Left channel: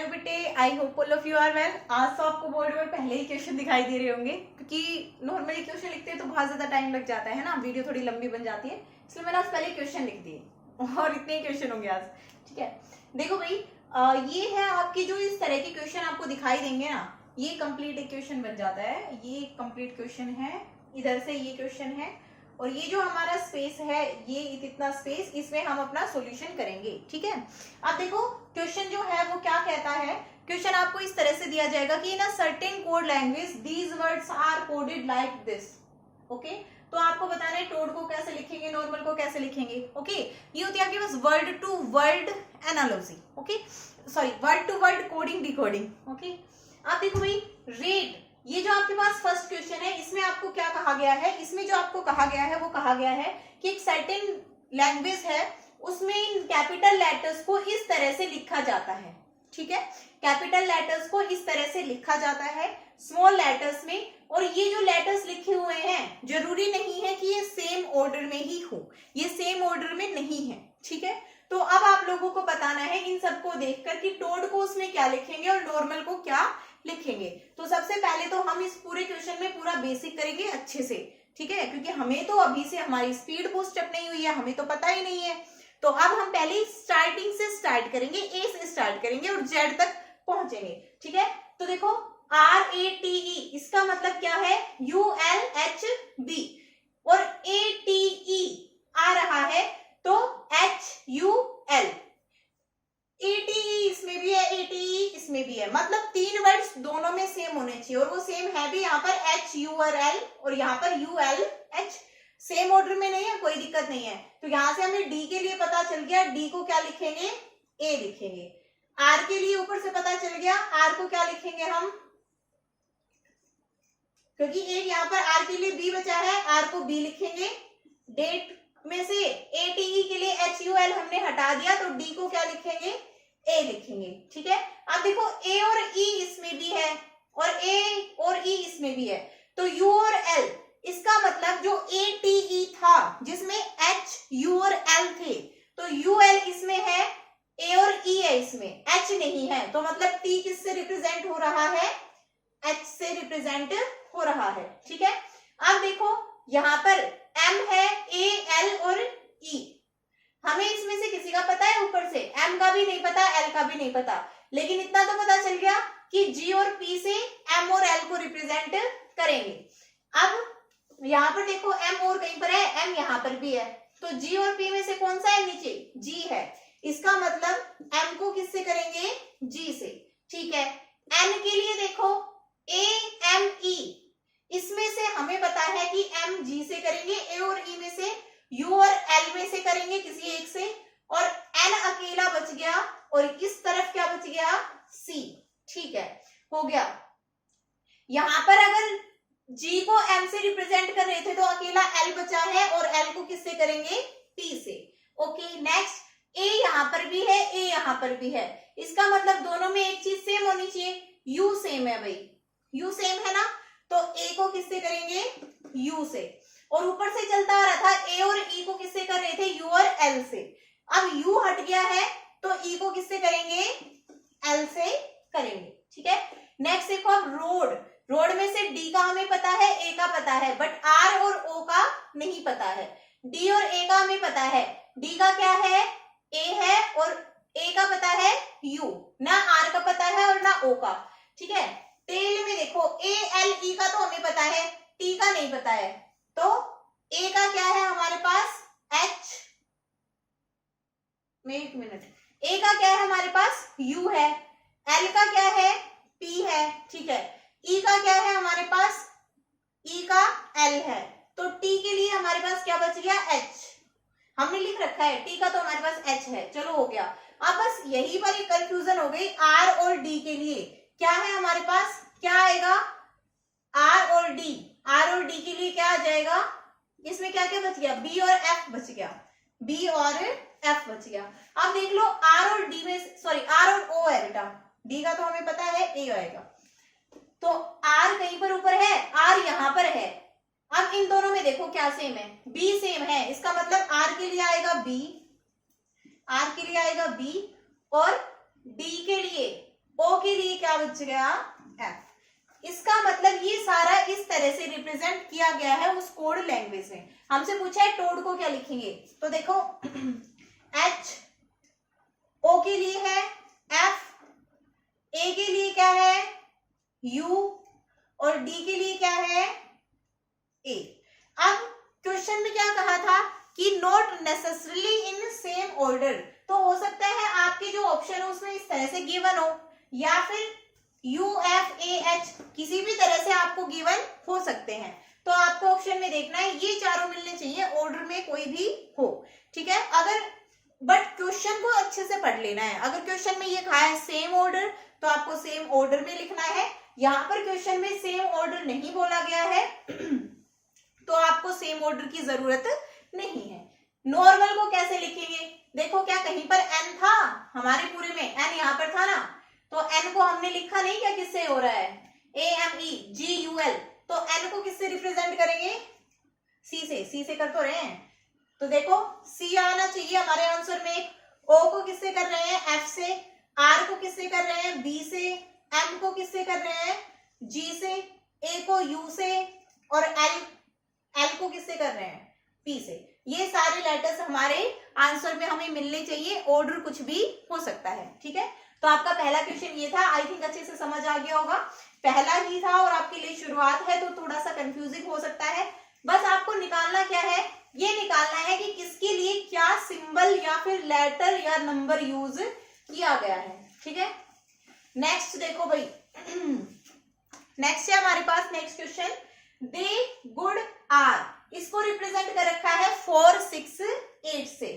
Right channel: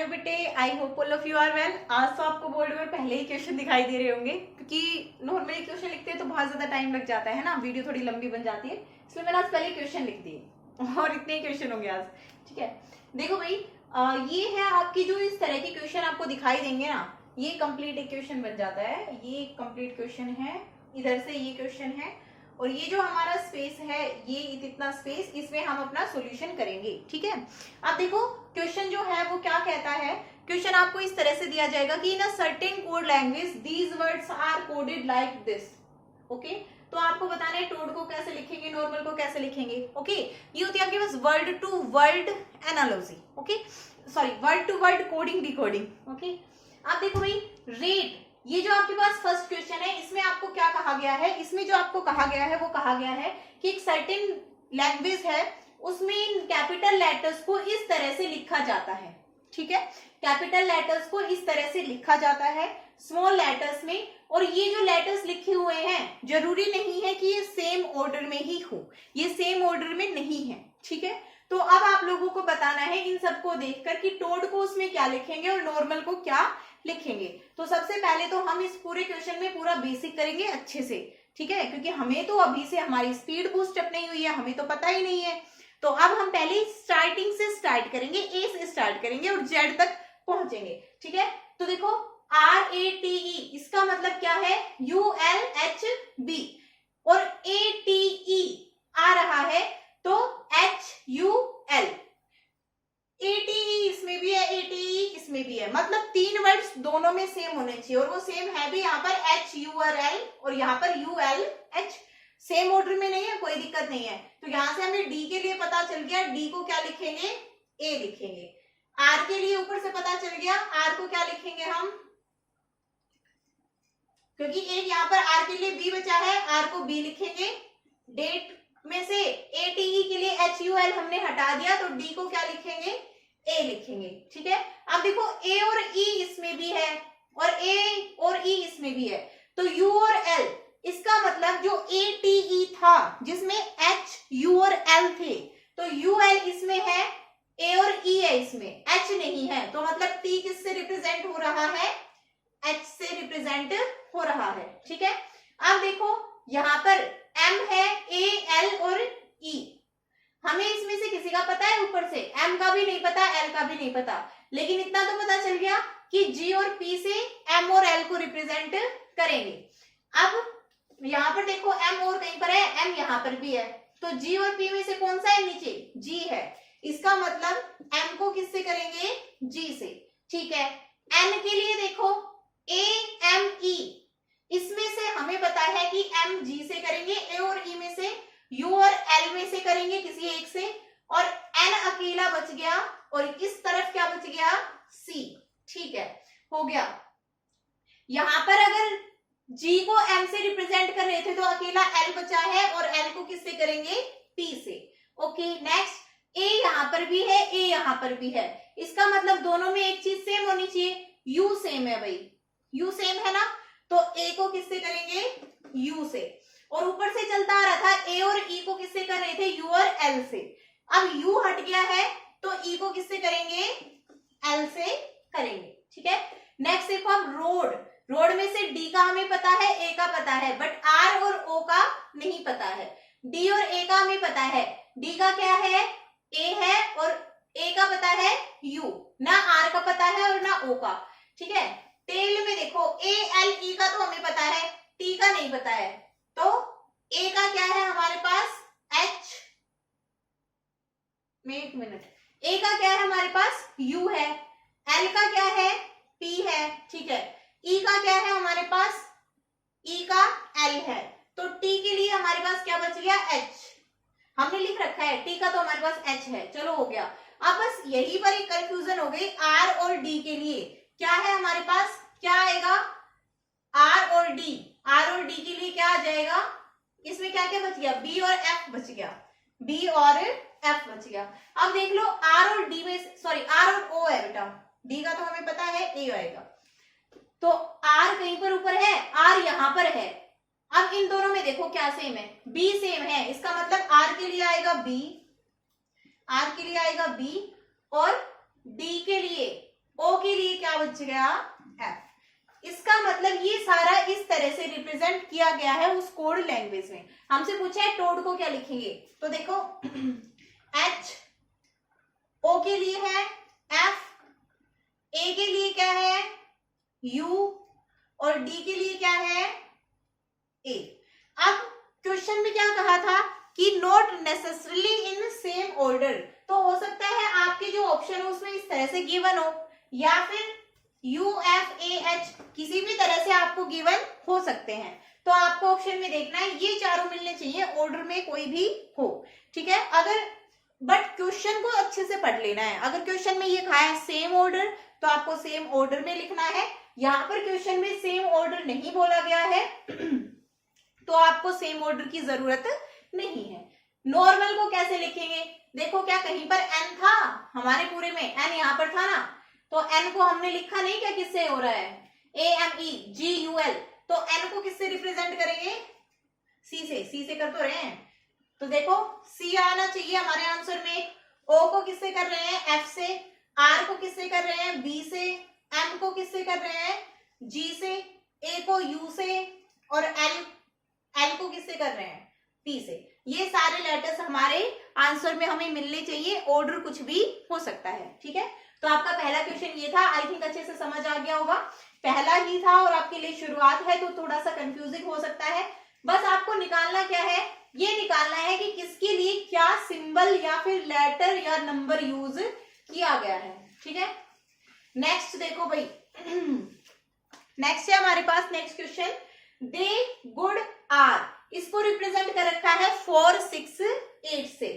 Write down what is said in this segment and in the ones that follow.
Hello बेटे, I hope all of you are well. आज तो आपको बोर्ड पर पहले ही क्वेश्चन दिखाई दे रहे होंगे, क्योंकि नॉर्मली क्वेश्चन लिखते हैं तो बहुत ज्यादा टाइम लग जाता है ना, वीडियो थोड़ी लंबी बन जाती है, इसलिए मैंने आज पहले क्वेश्चन लिख दिए और इतने ही क्वेश्चन होंगे आज। ठीक है, देखो भाई, ये है आपकी जो इस तरह के क्वेश्चन आपको दिखाई देंगे ना, ये कंप्लीट एक क्वेश्चन बन जाता है। ये कंप्लीट क्वेश्चन है, इधर से ये क्वेश्चन है, और ये जो हमारा स्पेस है, ये इतना स्पेस, इसमें हम अपना सॉल्यूशन करेंगे। ठीक है, अब देखो क्वेश्चन जो है वो क्या कहता है। क्वेश्चन आपको इस तरह से दिया जाएगा कि in a certain code language these words are coded like this. Okay, तो आपको बताना है टोड को कैसे लिखेंगे, नॉर्मल को कैसे लिखेंगे। ओके, ये होती है आपके पास word to word analogy. Okay, sorry, word to word coding decoding. Okay, आप देखो भाई, रेट, ये जो आपके पास फर्स्ट क्वेश्चन है, इसमें आपको क्या कहा गया है, इसमें जो आपको कहा गया है वो कहा गया है कि एक सर्टेन लैंग्वेज है, उसमें इन कैपिटल लेटर्स को इस तरह से लिखा जाता है। ठीक है, कैपिटल लेटर्स को इस तरह से लिखा जाता है स्मॉल लेटर्स में, और ये जो लेटर्स लिखे हुए हैं जरूरी नहीं है कि ये सेम ऑर्डर में ही हो, ये सेम ऑर्डर में नहीं है। ठीक है, तो अब आप लोगों को बताना है इन सबको देखकर कि टोड को उसमें क्या लिखेंगे और नॉर्मल को क्या लिखेंगे। तो सबसे पहले तो हम इस पूरे क्वेश्चन में पूरा बेसिक करेंगे अच्छे से। ठीक है, क्योंकि हमें तो अभी से हमारी स्पीड बूस्ट अप नहीं हुई है, हमें तो पता ही नहीं है। तो अब हम पहले स्टार्टिंग से स्टार्ट करेंगे, ए से स्टार्ट करेंगे और जेड तक पहुंचेंगे। ठीक है, तो देखो RATE, इसका मतलब क्या है, ULHB, और ATE आ रहा है तो HUL। ATE इसमें भी है, ATE इसमें भी है, मतलब तीन वर्ड्स दोनों में सेम होने चाहिए, और वो सेम है भी। यहाँ पर HURL और यहाँ पर ULH सेम ऑर्डर में नहीं है, कोई दिक्कत नहीं है। तो यहां से हमें डी के लिए पता चल गया, डी को क्या लिखेंगे, ए लिखेंगे। आर के लिए ऊपर से पता चल गया, आर को क्या लिखेंगे हम, क्योंकि एक यहाँ पर आर के लिए बी बचा है, आर को बी लिखेंगे। डेट में से ATE के लिए HUL हमने हटा दिया, तो डी को क्या लिखेंगे, ए लिखेंगे। ठीक है, अब देखो ए और ई इसमें भी है, और ए और ई इसमें भी है, तो यू और एल, इसका मतलब जो ATE था जिसमें H, U और L थे, तो UL इसमें है, A और E है इसमें, H नहीं है, तो मतलब T किससे रिप्रेजेंट हो रहा है, H से रिप्रेजेंट हो रहा है। ठीक है, अब देखो यहाँ पर M है, A, L और E, हमें इसमें से किसी का पता है, ऊपर से M का भी नहीं पता, L का भी नहीं पता, लेकिन इतना तो पता चल गया कि G और P से M और L को रिप्रेजेंट करेंगे। अब यहाँ पर देखो M और कहीं पर है, M यहाँ पर भी है, तो G और P में से कौन सा है नीचे, G है, इसका मतलब M को किससे करेंगे, G से। ठीक है, N के लिए देखो A, M, E, इसमें से हमें पता है कि M G से करेंगे, A और E में से U और L में से करेंगे किसी एक से, और N अकेला बच गया, और इस तरफ क्या बच गया, C। ठीक है, हो गया। यहां पर अगर G को M से रिप्रेजेंट कर रहे थे तो अकेला L बचा है, और L को किससे करेंगे, P से। ओके, नेक्स्ट, A यहां पर भी है, A यहां पर भी है, इसका मतलब दोनों में एक चीज सेम होनी चाहिए, U सेम है भाई, U सेम है ना, तो A को किससे करेंगे, U से, और ऊपर से चलता आ रहा था A और E को किससे कर रहे थे, U और L से। अब U हट गया है तो E को किससे करेंगे, L से करेंगे। ठीक है, नेक्स्ट देखो अब रोड, रोड में से डी का हमें पता है, ए का पता है, बट आर और ओ का नहीं पता है। डी और ए का हमें पता है, डी का क्या है, ए है, और ए का पता है यू, ना आर का पता है और ना ओ का। ठीक है, टेल में देखो ए, एल, ई का तो हमें पता है, टी का नहीं पता है, तो ए का क्या है हमारे पास, एच, एक मिनट, ए का क्या है हमारे पास, यू है, एल का क्या है, पी है। ठीक है, ई का क्या है हमारे पास, ई का एल है, तो टी के लिए हमारे पास क्या बच गया, एच, हमने लिख रखा है, टी का तो हमारे पास एच है। चलो हो गया, अब बस यही पर एक कंफ्यूजन हो गई, आर और डी के लिए क्या है हमारे पास, क्या आएगा, आर और डी, आर और डी के लिए क्या आ जाएगा, इसमें क्या क्या बच गया, बी और एफ बच गया, बी और एफ बच गया। अब देख लो आर और डी में, सॉरी आर और ओ है बेटा, डी का तो हमें पता है ए आएगा, तो आर कहीं पर ऊपर है, आर यहां पर है। अब इन दोनों में देखो क्या सेम है, बी सेम है, इसका मतलब आर के लिए आएगा बी, आर के लिए आएगा बी, और डी के लिए ओ के लिए क्या बच गया, एफ। इसका मतलब ये सारा इस तरह से रिप्रेजेंट किया गया है उस कोड लैंग्वेज में। हमसे पूछा है टोड को क्या लिखेंगे, तो देखो एच ओ के लिए है एफ, ए के लिए क्या है यू, और डी के लिए क्या है ए। अब क्वेश्चन में क्या कहा था कि not necessarily in same order, तो हो सकता है आपके जो ऑप्शन है उसमें इस तरह से गिवन हो, या फिर यू एफ ए एच किसी भी तरह से आपको गिवन हो सकते हैं। तो आपको ऑप्शन में देखना है ये चारों मिलने चाहिए, ऑर्डर में कोई भी हो, ठीक है। अगर बट क्वेश्चन को अच्छे से पढ़ लेना है। अगर क्वेश्चन में ये कहा है सेम ऑर्डर, तो आपको सेम ऑर्डर में लिखना है। यहाँ पर क्वेश्चन में सेम ऑर्डर नहीं बोला गया है तो आपको सेम ऑर्डर की जरूरत नहीं है। नॉर्मल को कैसे लिखेंगे, देखो क्या कहीं पर एन था हमारे पूरे में, एन यहाँ पर था ना, तो एन को हमने लिखा नहीं, क्या किससे हो रहा है A M E G U L, तो एन को किससे रिप्रेजेंट करेंगे, सी से कर तो रहे हैं, तो देखो सी आना चाहिए हमारे आंसर में। ओ को किससे कर रहे हैं, एफ से, आर को किससे कर रहे हैं, बी से, एम को किससे कर रहे हैं, जी से, ए को यू से, और एल को किससे कर रहे हैं, पी से। ये सारे लेटर्स हमारे आंसर में हमें मिलने चाहिए, ऑर्डर कुछ भी हो सकता है, ठीक है। तो आपका पहला क्वेश्चन ये था, आई थिंक अच्छे से समझ आ गया होगा। पहला ही था और आपके लिए शुरुआत है तो थोड़ा सा कंफ्यूजिंग हो सकता है। बस आपको निकालना क्या है, ये निकालना है कि किसके लिए क्या सिंबल या फिर लेटर या नंबर यूज किया गया है, ठीक है। नेक्स्ट देखो भाई नेक्स्ट है हमारे पास next question, they good are, इसको रिप्रेजेंट कर रखा है 4 6 8 से।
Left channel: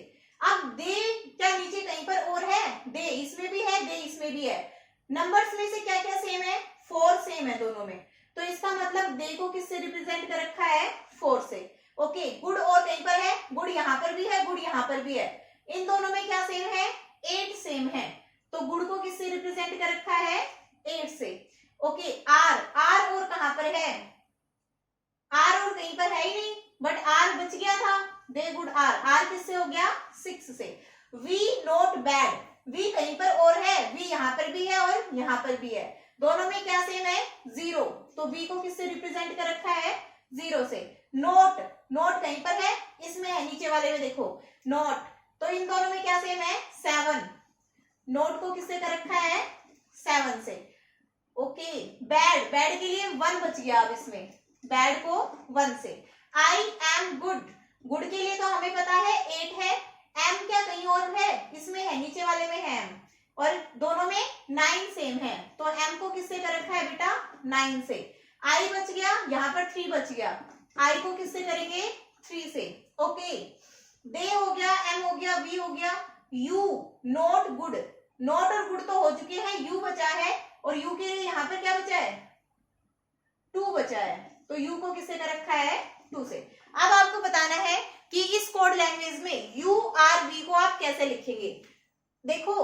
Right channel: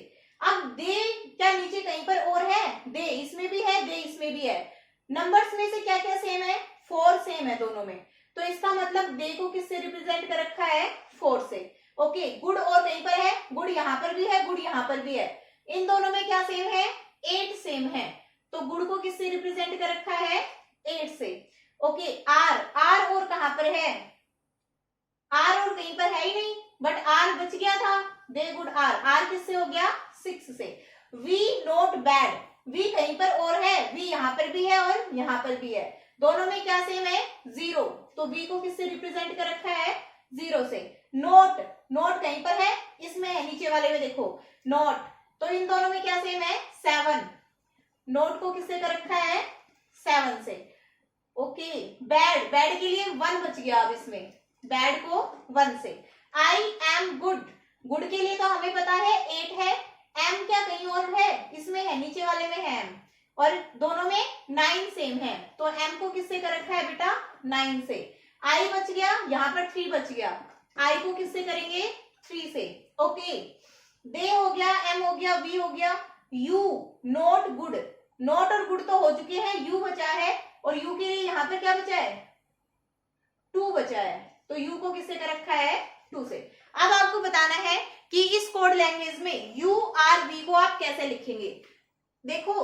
अब दे क्या नीचे कहीं पर और है, दे इसमें भी है, दे इसमें भी है। नंबर्स में से क्या क्या सेम है, 4 सेम है दोनों में, तो इसका मतलब दे को किससे रिप्रेजेंट कर रखा है 4 से। ओके, गुड और कहीं पर है, गुड यहाँ पर भी है, गुड यहाँ पर भी है, इन दोनों में क्या सेम है 8 सेम है, तो गुड को किससे रिप्रेजेंट कर रखा है 8 से। ओके, आर, आर और कहां पर है, आर और कहीं पर है ही नहीं, बट आर बच गया था, दे गुड आर, आर किससे हो गया 6 से। वी नॉट बैड, वी कहीं पर और है, वी यहाँ पर भी है और यहाँ पर भी है, दोनों में क्या सेम है 0, तो बी को किससे रिप्रेजेंट कर रखा है 0 से। नोट, नोट कहीं पर है, इसमें है नीचे वाले में देखो नोट, तो इन दोनों में क्या सेम है 7, नोट को किससे कर रखा है 7 से। ओके, बैड, बैड के लिए 1 बच गया, अब इसमें बैड को 1 से। आई एम गुड, गुड के लिए तो हमें पता है 8 है, एम क्या कहीं और है, इसमें है नीचे वाले में है एम, और दोनों में 9 सेम है, तो एम को किससे कर रखा है बेटा 9 से। आई बच गया, यहाँ पर 3 बच गया, आई को किससे करेंगे 3 से। ओके, दे हो गया, एम हो गया, वी हो गया, यू नॉट गुड, नॉट और गुड तो हो चुके हैं, यू बचा है, और यू के लिए यहाँ पे क्या बचा है 2 बचा है, तो यू को किससे कर रखा है 2 से। अब आपको बताना है कि इस कोड लैंग्वेज में यू आर वी को आप कैसे लिखेंगे। देखो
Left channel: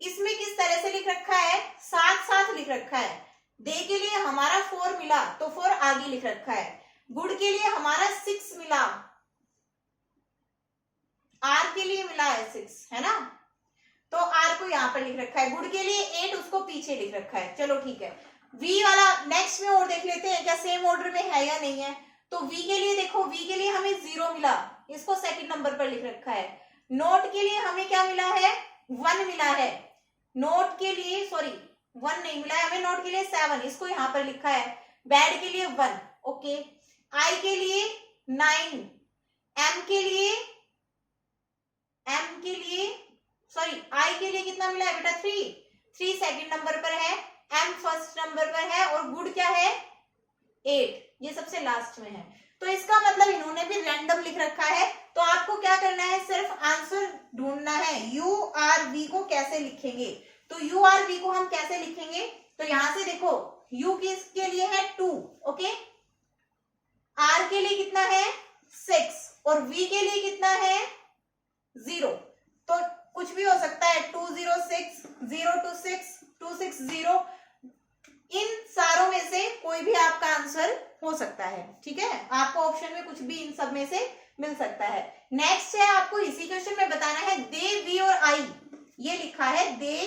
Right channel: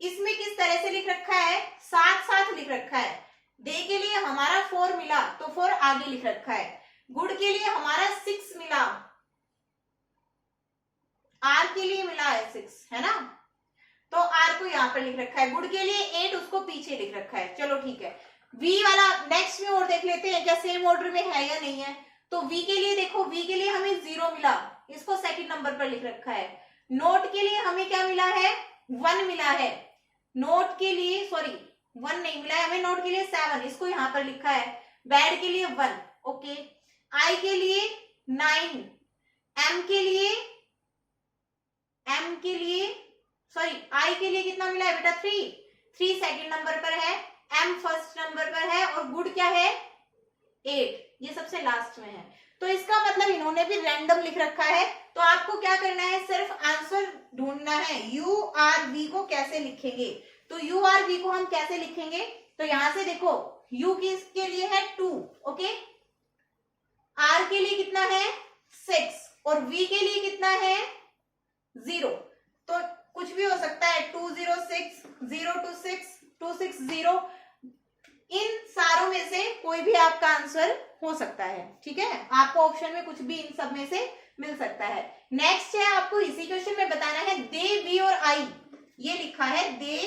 इसमें किस तरह से लिख रखा है, साथ साथ लिख रखा है। दे के लिए हमारा 4 मिला तो 4 आगे लिख रखा है, गुड के लिए हमारा 6 मिला, आर के लिए मिला है 6, है ना, तो आर को यहाँ पर लिख रखा है, गुड के लिए 8 उसको पीछे लिख रखा है। चलो ठीक है, वी वाला नेक्स्ट में और देख लेते हैं क्या सेम ऑर्डर में है या नहीं है। तो वी के लिए देखो, वी के लिए हमें 0 मिला, इसको सेकंड नंबर पर लिख रखा है। नोट के लिए हमें क्या मिला है 1 मिला है, नोट के लिए सॉरी 1 नहीं मिला है हमें, नोट के लिए 7, इसको यहाँ पर लिखा है। बैड के लिए 1, ओके, आई के लिए 9, एम के लिए सॉरी आई के लिए कितना मिला है बेटा 3 सेकंड नंबर पर है, एम फर्स्ट नंबर पर है, और गुड क्या है 8, ये सबसे लास्ट में है। तो इसका मतलब इन्होंने भी रैंडम लिख रखा है, तो आपको क्या करना है सिर्फ आंसर ढूंढना है यू आर वी को कैसे लिखेंगे। तो यू आर वी को हम कैसे लिखेंगे, तो यहां से देखो यू किसके लिए है 2, ओके, आर के लिए कितना है 6, और वी के लिए कितना है 0, तो कुछ भी हो सकता है 2 0 6 0 2 6 2 6 0, इन सारों में से कोई भी आपका आंसर हो सकता है, ठीक है। आपको ऑप्शन में कुछ भी इन सब में से मिल सकता है। नेक्स्ट है आपको इसी क्वेश्चन में बताना है दे वी और आई, ये लिखा है दे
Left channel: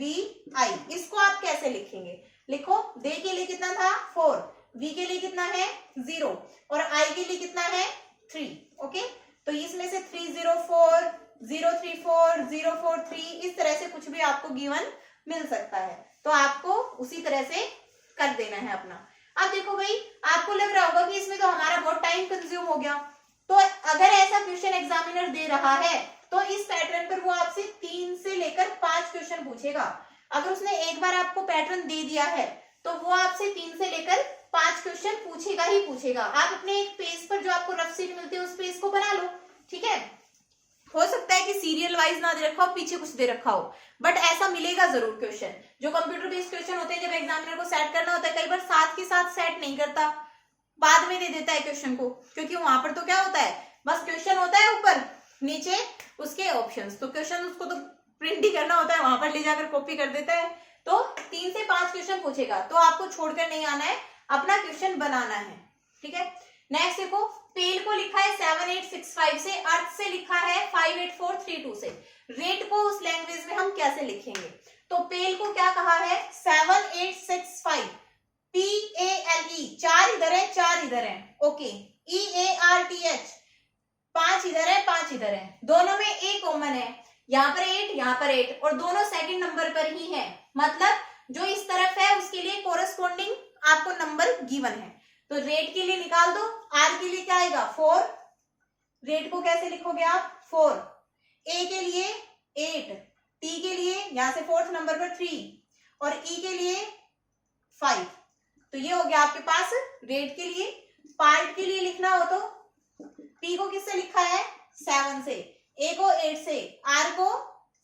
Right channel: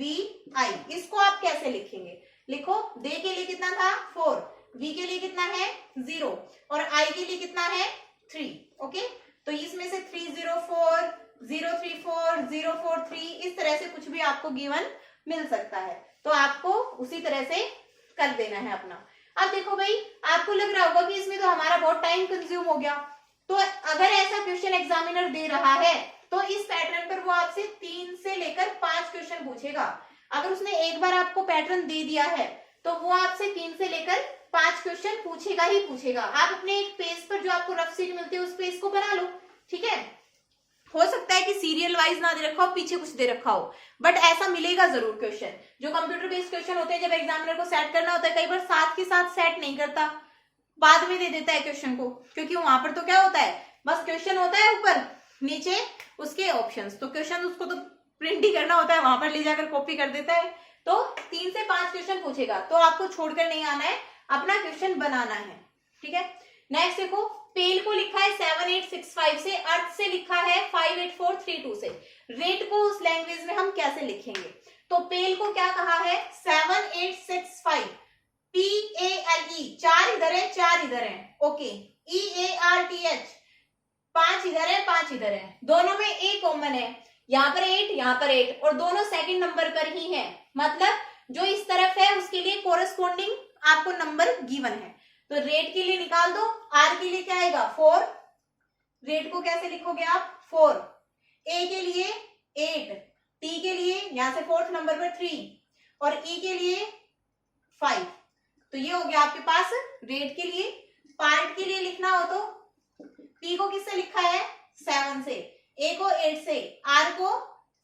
वी आई। इसको आप कैसे लिखेंगे? लिखो, दे के लिए कितना था 4, वी के लिए कितना है 0 और आई के लिए कितना है 3। ओके, तो इसमें से 304 034 043 इस तरह से कुछ भी आपको गिवन मिल सकता है, तो आपको उसी तरह से कर देना है अपना। अब देखो भाई, आपको लग रहा होगा कि इसमें तो हमारा बहुत टाइम कंज्यूम हो गया, तो अगर ऐसा क्वेश्चन एग्जामिनर दे रहा है तो इस पैटर्न पर वो आपसे 3 से लेकर 5 क्वेश्चन पूछेगा। अगर उसने एक बार आपको पैटर्न दे दिया है तो वो आपसे 3 से लेकर 5 क्वेश्चन पूछेगा ही पूछेगा। आप अपने एक पेज पर जो आपको रफ शीट मिलती है उस पेज को बना लो, ठीक है। हो सकता है कि सीरियल वाइज ना दे रखा हो, पीछे कुछ दे रखा हो, बट ऐसा मिलेगा जरूर क्वेश्चन। जो कंप्यूटर बेस्ड क्वेश्चन होते हैं, जब एग्जामिनर को सेट करना होता है, कई बार साथ के साथ सेट नहीं करता, बाद में दे देता है क्वेश्चन को, क्योंकि वहां पर तो क्या होता है, बस क्वेश्चन होता है, ऊपर नीचे उसके ऑप्शंस, तो क्वेश्चन उसको तो प्रिंट ही करना होता है, वहां पर ले जाकर कॉपी कर देता है। तो 3 से 5 क्वेश्चन पूछेगा, तो आपको छोड़कर नहीं आना है, अपना क्वेश्चन बनाना है, ठीक है। नेक्स्ट देखो, पेल को लिखा है 7865 से, अर्थ से लिखा है 58432 से। रेट को उस लैंग्वेज में हम कैसे लिखेंगे? तो पेल को क्या कहा है 7865, PALE 4 इधर है 4 इधर है, ओके, EARTH 5 इधर है 5 इधर है, दोनों में एक कॉमन है, यहाँ पर 8 यहाँ पर 8 और दोनों सेकंड नंबर पर ही है, मतलब जो इस तरफ है उसके लिए कोरस्पॉन्डिंग आपको नंबर गिवन है। तो रेट के लिए निकाल दो, आर के लिए क्या आएगा 4, रेट को कैसे लिखोगे आप 4, ए के लिए 8, टी के लिए यहां से 4th नंबर पर 3 और ई के लिए 5। तो ये हो गया आपके पास रेट के लिए। पार्ट के लिए लिखना हो तो पी को किससे लिखा है 7 से, ए को 8 से, आर को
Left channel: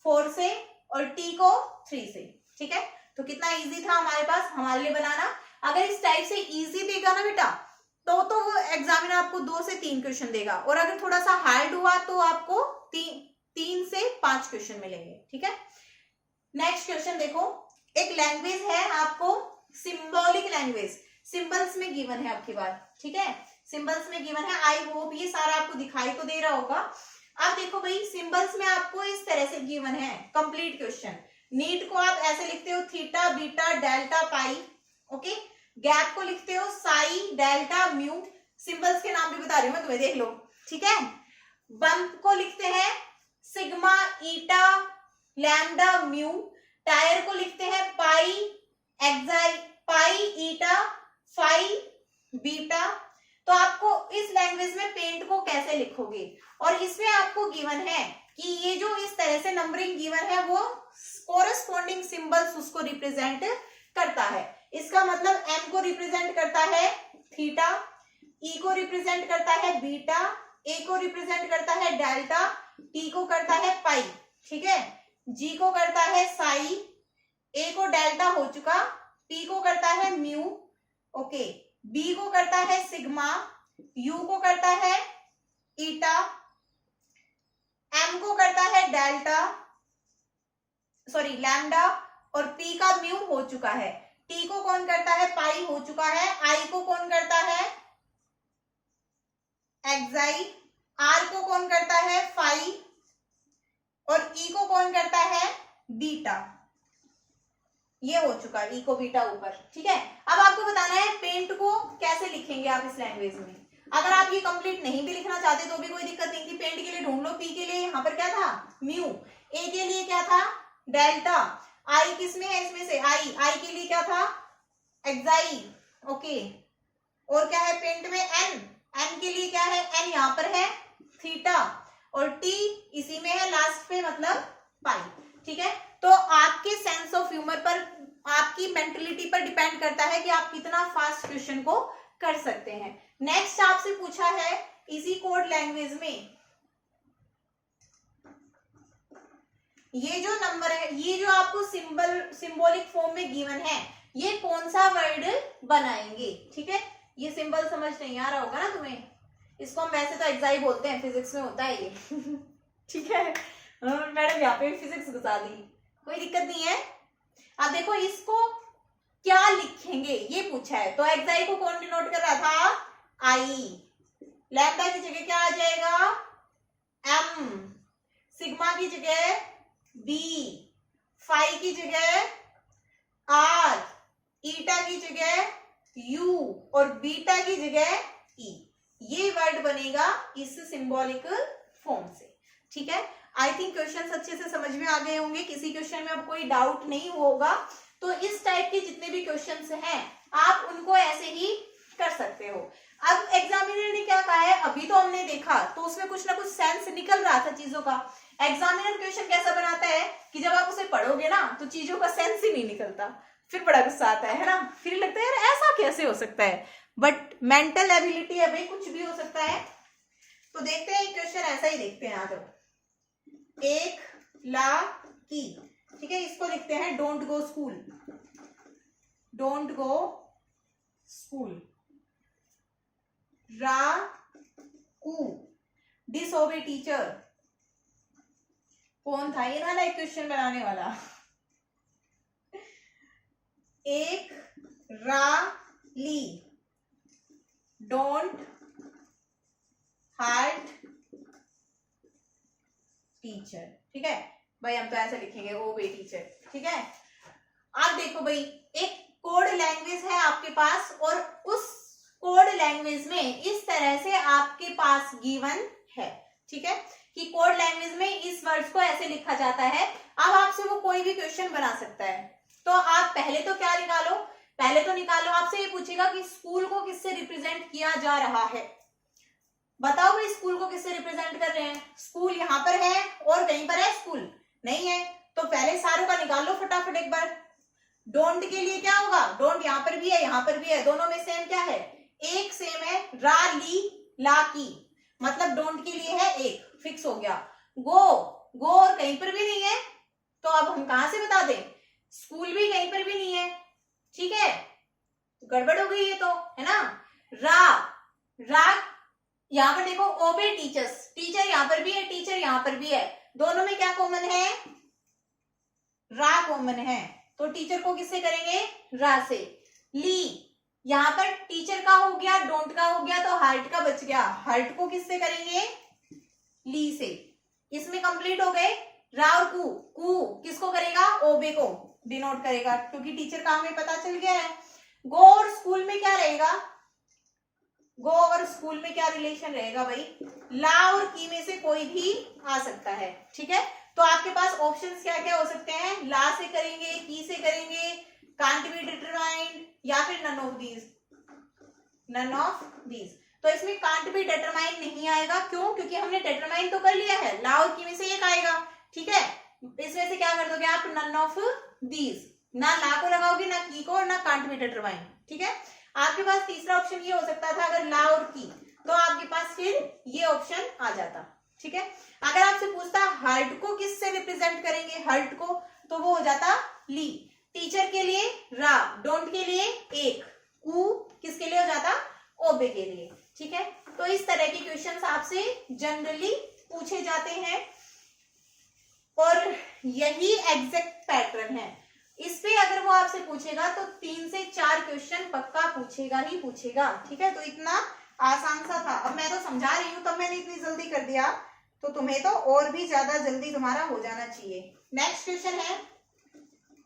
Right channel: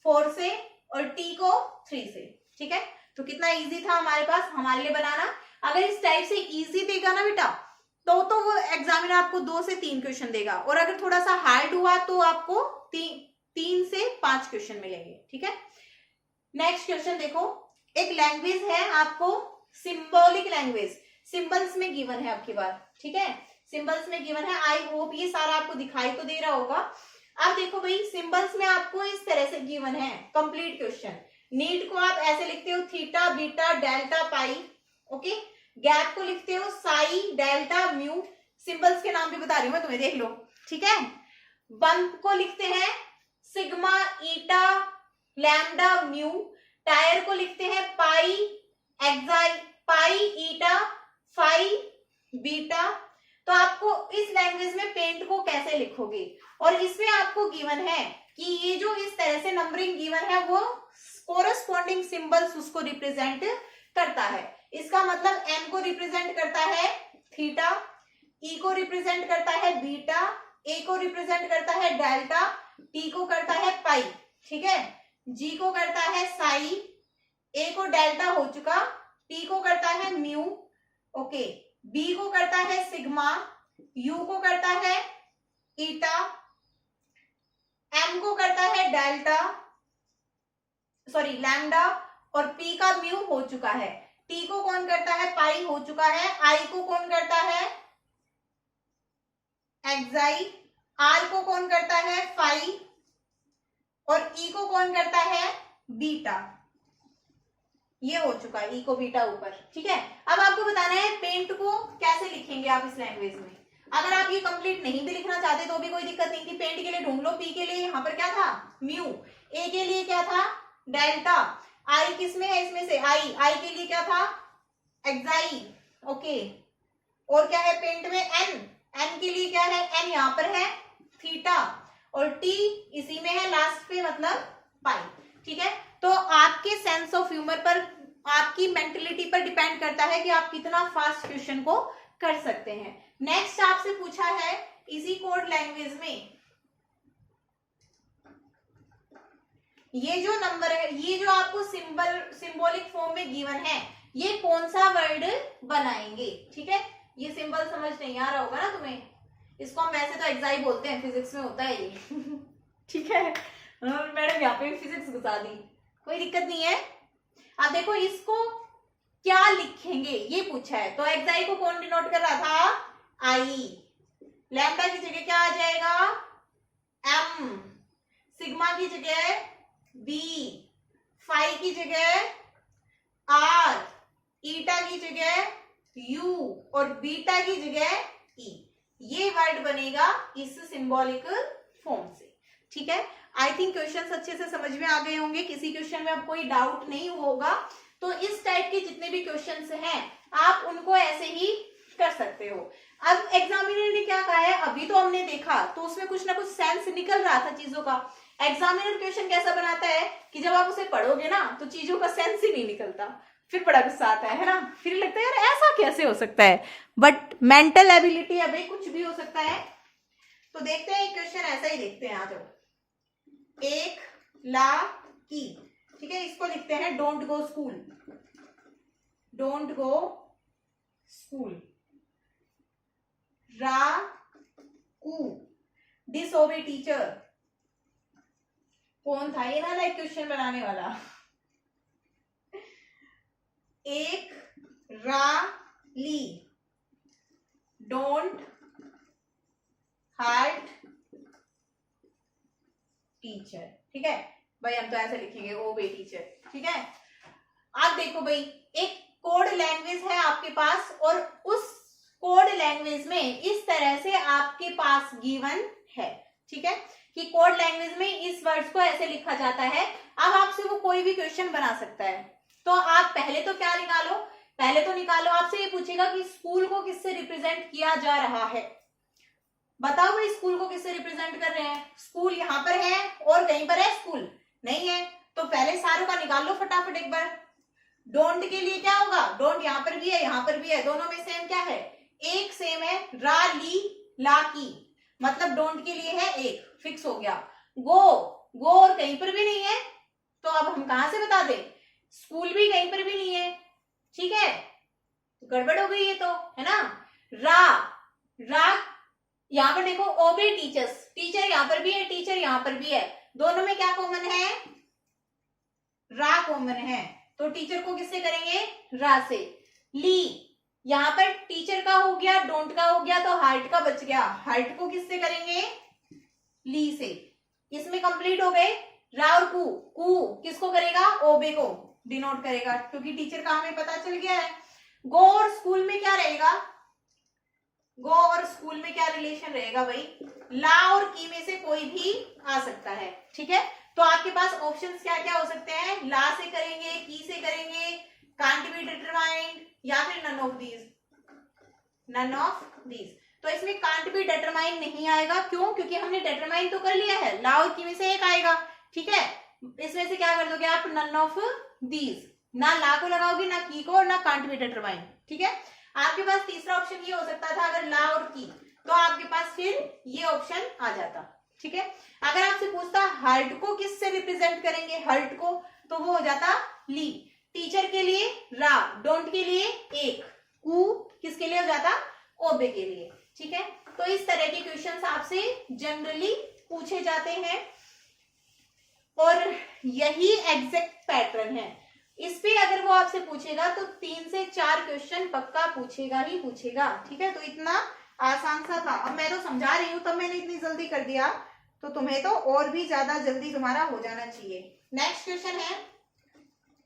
4 से और टी को 3 से, ठीक है। तो कितना इजी था हमारे पास हमारे लिए बनाना। अगर इस टाइप से इजी देगा ना बेटा, तो वो एग्जामिनर आपको 2 से 3 क्वेश्चन देगा, और अगर थोड़ा सा हार्ड हुआ तो आपको 3 से 5 क्वेश्चन मिलेंगे, ठीक है। नेक्स्ट क्वेश्चन देखो, एक लैंग्वेज है आपको सिंबॉलिक लैंग्वेज, सिंबल्स में गिवन है आपकी बार, ठीक है, सिंबल्स में गिवन है। आई होप ये सारा आपको दिखाई तो दे रहा होगा। अब देखो भाई, सिंबल्स में आपको इस तरह से गिवन है कंप्लीट क्वेश्चन। नीट को आप ऐसे लिखते हो थीटा बीटा डेल्टा पाई, ओके। गैप को लिखते हो साई डेल्टा म्यू, सिंबल्स के नाम भी बता रही हूं मैं तुम्हें, देख लो, ठीक है। बंप को लिखते हैं सिग्मा ईटा लैम्डा म्यू, टायर को लिखते हैं पाई एक्साई पाई ईटा फाई बीटा। तो आपको इस लैंग्वेज में पेंट को कैसे लिखोगे, और इसमें आपको गिवन है कि ये जो इस तरह से नंबरिंग गिवन है वो कोरस्पॉन्डिंग सिंबल्स उसको रिप्रेजेंट करता है। इसका मतलब एम को रिप्रेजेंट करता है थीटा, ई को रिप्रेजेंट करता है बीटा, ए को रिप्रेजेंट करता है डेल्टा, टी को करता है पाई, ठीक है, जी को करता है साई, ए को डेल्टा हो चुका, टी को करता है म्यू, ओके, बी को करता है सिग्मा, यू को करता है ईटा, एम को करता है डेल्टा सॉरी लैम्डा, और पी का म्यू हो चुका है, टी को कौन करता है पाई हो चुका है, आई को कौन करता है एक्साई, आर को कौन करता है फाई और ई को कौन करता है बीटा। ये हो चुका है ई को बीटा ऊपर, ठीक है। अब आपको बताना है पेंट को कैसे लिखेंगे आप इस लैंग्वेज में। अगर आप ये कंप्लीट नहीं भी लिखना चाहते तो भी कोई दिक्कत नहीं थी, पेंट के लिए ढूंढ लो। पी के लिए यहाँ पर क्या था म्यू, ए के लिए क्या था डेल्टा, आई किस में है इसमें से आई के लिए क्या था एक्साई, ओके, और क्या है पेंट में एन के लिए क्या है एन यहाँ पर है थीटा, और टी इसी में है लास्ट पे मतलब पाई, ठीक है। तो आपकी सेंस ऑफ ह्यूमर पर, आपकी मेंटलिटी पर डिपेंड करता है कि आप कितना फास्ट क्वेश्चन को कर सकते हैं। नेक्स्ट आपसे पूछा है इसी कोड लैंग्वेज में, ये जो नंबर है, ये जो आपको सिंबॉलिक फॉर्म में गिवन है, ये कौन सा वर्ड बनाएंगे, ठीक है। ये सिंबल समझ नहीं आ रहा होगा ना तुम्हें, इसको हम वैसे तो एक्साई बोलते हैं, फिजिक्स में होता है ये ठीक है, मैडम यहाँ पे फिजिक्स घुसा दी, कोई दिक्कत नहीं है। अब देखो इसको क्या लिखेंगे ये पूछा है, तो एक्साई को कौन डिनोट कर रहा था आई, लैम्डा की जगह क्या आ जाएगा एम, सिग्मा की जगह बी, फाई पाई की जगह आर, ईटा की जगह यू और बीटा की जगह ई। ये वर्ड बनेगा इस सिंबॉलिक फॉर्म से। ठीक है, आई थिंक क्वेश्चंस अच्छे से समझ में आ गए होंगे, किसी क्वेश्चन में अब कोई डाउट नहीं होगा। तो इस टाइप के जितने भी क्वेश्चंस हैं आप उनको ऐसे ही कर सकते हो। अब एग्जामिनर ने क्या कहा है, अभी तो हमने देखा तो उसमें कुछ ना कुछ सेंस निकल रहा था चीजों का। एग्जामिनर क्वेश्चन कैसा बनाता है कि जब आप उसे पढ़ोगे ना तो चीजों का सेंस ही नहीं निकलता, फिर बड़ा गुस्सा आता है ना, फिर लगता है यार ऐसा कैसे हो सकता है। बट मेंटल एबिलिटी है भाई, कुछ भी हो सकता है। तो देखते हैं क्वेश्चन ऐसा ही देखते हैं। आ जाओ, 1 की, ठीक है, इसको लिखते हैं don't go school, don't go school. कू, डिसओबे टीचर। कौन था ये ना लाइक क्वेश्चन बनाने वाला? ली, डोंट हार्ट टीचर। ठीक है भाई, हम तो ऐसे लिखेंगे ओबे टीचर। ठीक है, आप देखो भाई, एक कोड लैंग्वेज है आपके पास और उस कोड लैंग्वेज में इस तरह से आपके पास गिवन है। ठीक है, कि कोड लैंग्वेज में इस वर्ड्स को ऐसे लिखा जाता है। अब आपसे वो कोई भी क्वेश्चन बना सकता है, तो आप पहले तो क्या निकालो, पहले तो निकालो, आपसे ये पूछेगा कि स्कूल को किससे रिप्रेजेंट किया जा रहा है। बताओ भाई स्कूल को किससे रिप्रेजेंट कर रहे हैं। स्कूल यहाँ पर है और कहीं पर है स्कूल नहीं है, तो पहले सारों का निकाल लो फटाफट एक बार। डोंट के लिए क्या होगा, डोंट यहाँ पर भी है यहाँ पर भी है, दोनों में सेम क्या है, एक सेम है, रा ली ला की, मतलब डोंट के लिए है एक, फिक्स हो गया। गो, गो और कहीं पर भी नहीं है, तो अब हम कहां से बता दें, स्कूल भी कहीं पर भी नहीं है। ठीक है, तो गड़बड़ हो गई ये तो, है ना। रा यहाँ पर देखो ओबे टीचर्स, टीचर यहाँ पर भी है टीचर यहाँ पर भी है, दोनों में क्या कॉमन है, रा कॉमन है, तो टीचर को किससे करेंगे, रा से। ली, यहाँ पर टीचर का हो गया, डोंट का हो गया, तो हार्ट का बच गया, हार्ट को किससे करेंगे, ली से। इसमें कंप्लीट हो गए। रा और कू किसको करेगा, ओबे को डिनोट करेगा, क्योंकि टीचर का हमें पता चल गया है। गो और स्कूल में क्या रहेगा, गो और स्कूल में क्या रिलेशन रहेगा भाई, ला और की में से कोई भी आ सकता है। ठीक है, तो आपके पास ऑप्शंस क्या क्या हो सकते हैं, ला से करेंगे, की से करेंगे, कांट बी डिटरमाइंड, या फिर none of these, none of these. तो इसमें कांट बी डिटरमाइंड नहीं आएगा, क्यों, क्योंकि हमने डिटरमाइन तो कर लिया है, ला और की में से एक आएगा। ठीक है, इसमें से क्या कर दोगे आप, नन ऑफ दीज, ना ला को लगाओगे ना की को और ना कांट बी डिटरमाइंड। ठीक है, आपके पास तीसरा ऑप्शन ये हो सकता था, अगर ला और की, तो आपके पास फिर ये ऑप्शन आ जाता। ठीक है, अगर आपसे पूछता हार्ट को किससे रिप्रेजेंट करेंगे, हार्ट को, तो वो हो जाता ली, टीचर के लिए रा, डोंट के लिए एक, कू किसके लिए हो जाता, ओबे के लिए। ठीक है, तो इस तरह के क्वेश्चंस आपसे जनरली पूछे जाते हैं और यही एग्जैक्ट पैटर्न है। इस पे अगर वो आपसे पूछेगा तो 3 से 4 क्वेश्चन पक्का पूछेगा ही पूछेगा। ठीक है, तो इतना आसान सा था। अब मैं तो समझा रही हूँ, तब मैंने इतनी जल्दी कर दिया, तो तुम्हें तो और भी ज्यादा जल्दी तुम्हारा हो जाना चाहिए। नेक्स्ट क्वेश्चन है,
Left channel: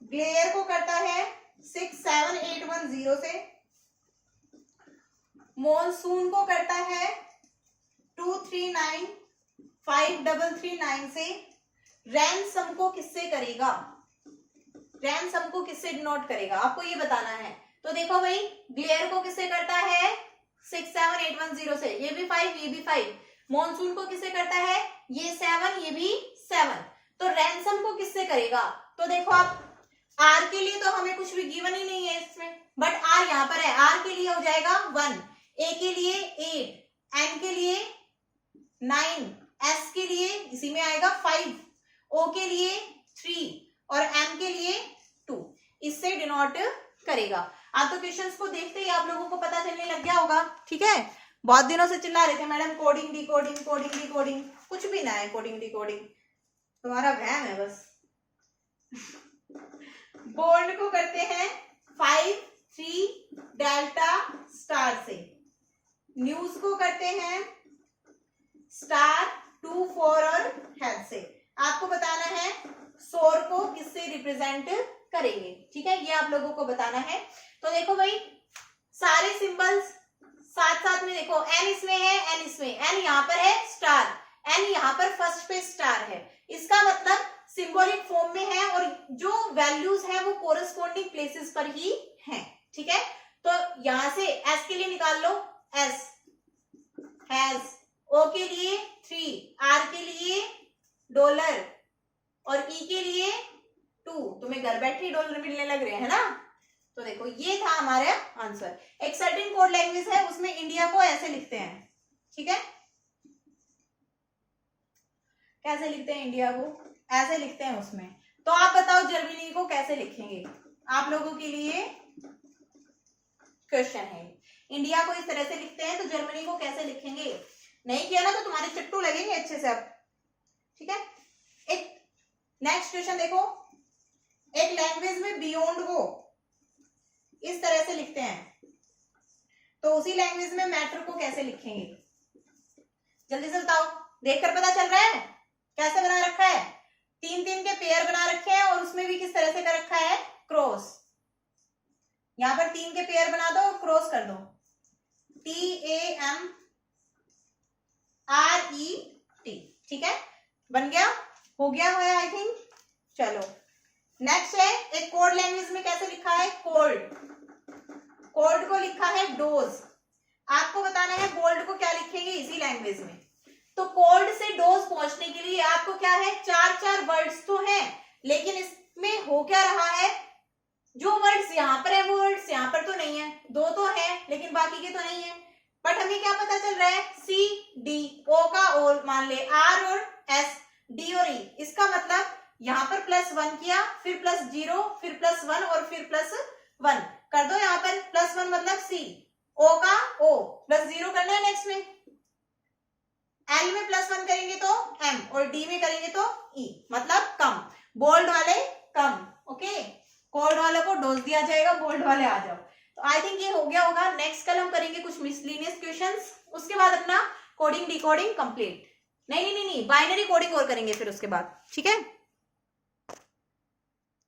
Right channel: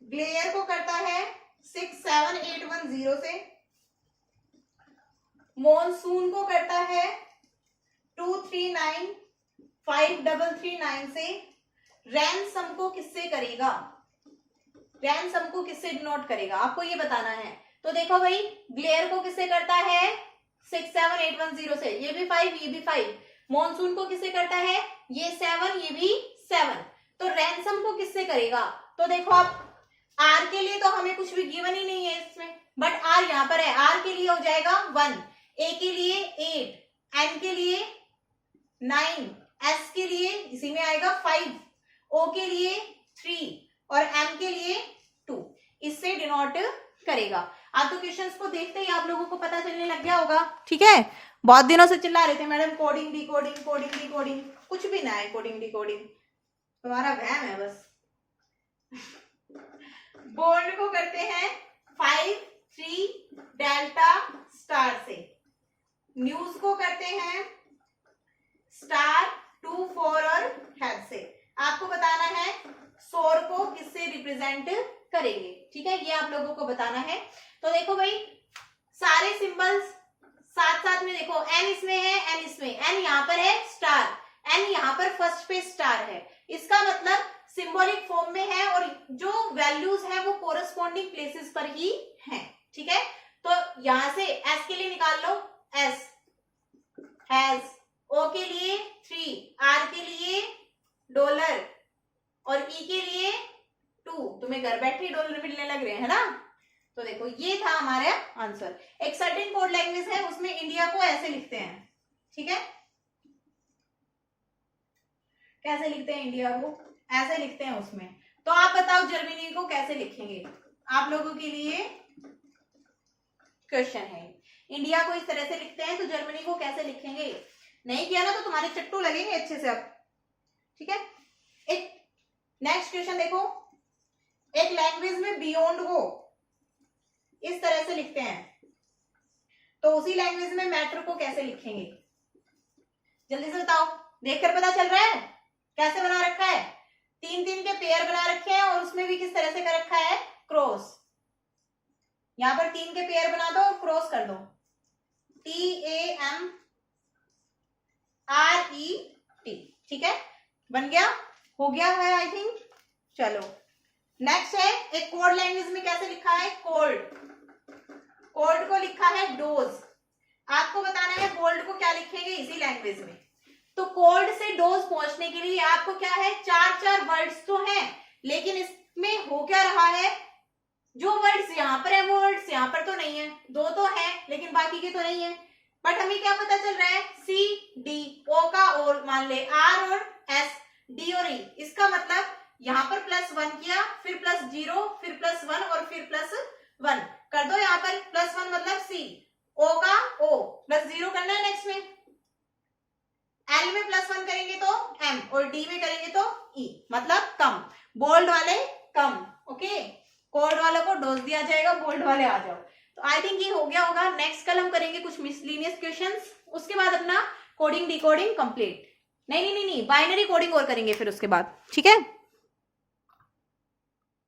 ग्लेयर को करता है 67810 से, मॉनसून को करता है 239539 से, रैनसम को किससे करेगा, रैनसम को किससे डिनोट करेगा, आपको ये बताना है। तो देखो भाई, ग्लेयर को किससे करता है 67810 से, ये भी 5 ये भी 5, मॉनसून को किससे करता है, ये 7 ये भी 7, तो रैनसम को किससे करेगा। तो देखो आप, आर के लिए तो हमें कुछ भी गिवन ही नहीं है इसमें, बट आर यहाँ पर है, आर के लिए हो जाएगा 1, ए के लिए 8, एन के लिए 9, एस के लिए इसी में आएगा 5, ओ के लिए 3 और एम के लिए 2, इससे डिनोट करेगा। आप तो क्वेश्चंस को देखते ही आप लोगों को पता चलने लग गया होगा। ठीक है, बहुत दिनों से चिल्ला रहे थे madam coding D coding coding D coding, कुछ भी ना है कोडिंग डी कोडिंग, तुम्हारा वहम है बस। बोर्ड को करते हैं 5 3 डेल्टा स्टार से, न्यूज को करते हैं स्टार 2 4 और हेड से। आपको बताना है शोर को किससे रिप्रेजेंट करेंगे, ठीक है, ये आप लोगों को बताना है। तो देखो भाई सारे सिंबल्स साथ साथ में देखो, एन इसमें है, एन इसमें, एन यहाँ पर है स्टार, एन यहाँ पर फर्स्ट पे स्टार है, इसका मतलब सिंबॉलिक फॉर्म में है और जो वैल्यूज है वो कोरस्पॉन्डिंग प्लेसेस पर ही हैं, ठीक है। तो यहां से एस के लिए निकाल लो, एस हैज, ओ के लिए 3, आर के लिए डॉलर और ई के लिए 2। तुम्हें घर बैठे ही डॉलर मिलने लग रहे हैं ना। तो देखो ये था हमारा आंसर। एक सर्टेन कोड लैंग्वेज है उसमें इंडिया को ऐसे लिखते हैं, ठीक है, कैसे लिखते हैं इंडिया को, ऐसे लिखते हैं उसमें। तो आप बताओ जर्मनी को कैसे लिखेंगे, आप लोगों के लिए क्वेश्चन है। इंडिया को इस तरह से लिखते हैं तो जर्मनी को कैसे लिखेंगे, नहीं किया ना तो तुम्हारे चट्टू लगेंगे अच्छे से अब, ठीक है। एक नेक्स्ट क्वेश्चन देखो, एक लैंग्वेज में बियॉन्ड वो इस तरह से लिखते हैं तो उसी लैंग्वेज में मैटर को कैसे लिखेंगे, जल्दी से बताओ, देखकर पता चल रहा है कैसे बना रखा है, 3-3 के पेयर बना रखे हैं और उसमें भी किस तरह से कर रखा है, क्रॉस। यहां पर 3 के पेयर बना दो और क्रॉस कर दो, TAMRET, ठीक है, बन गया, हो गया है आई थिंक। चलो नेक्स्ट है, एक कोड लैंग्वेज में कैसे लिखा है, कोल्ड, कोल्ड को लिखा है डोज। आपको बताना है कोल्ड को क्या लिखेंगे इसी लैंग्वेज में। तो कोल्ड से डोज पहुंचने के लिए आपको क्या है, 4-4 वर्ड्स तो हैं, लेकिन इसमें हो क्या रहा है, जो वर्ड्स यहाँ पर है वो वर्ड्स यहाँ पर तो नहीं है, 2 तो है लेकिन बाकी के तो नहीं है। बट हमें क्या पता चल रहा है, C D, O का और मान ले R और S, D और E, इसका मतलब यहाँ पर +1 किया, फिर +0, फिर +1 और फिर +1 कर दो, यहाँ पर +1 मतलब C, O का O, +0 करना है नेक्स्ट में, L में +1 करेंगे तो M और D में करेंगे तो E, मतलब कम, बोल्ड वाले कम, ओके, कोल्ड वालों को डोज दिया जाएगा, बोल्ड वाले आ जाओ। तो आई थिंक ये हो गया होगा। नेक्स्ट कल हम करेंगे कुछ मिसलिनियस क्वेश्चंस, उसके बाद अपना कोडिंग डिकोडिंग कंप्लीट, नहीं बाइनरी कोडिंग और करेंगे फिर उसके बाद, ठीक है।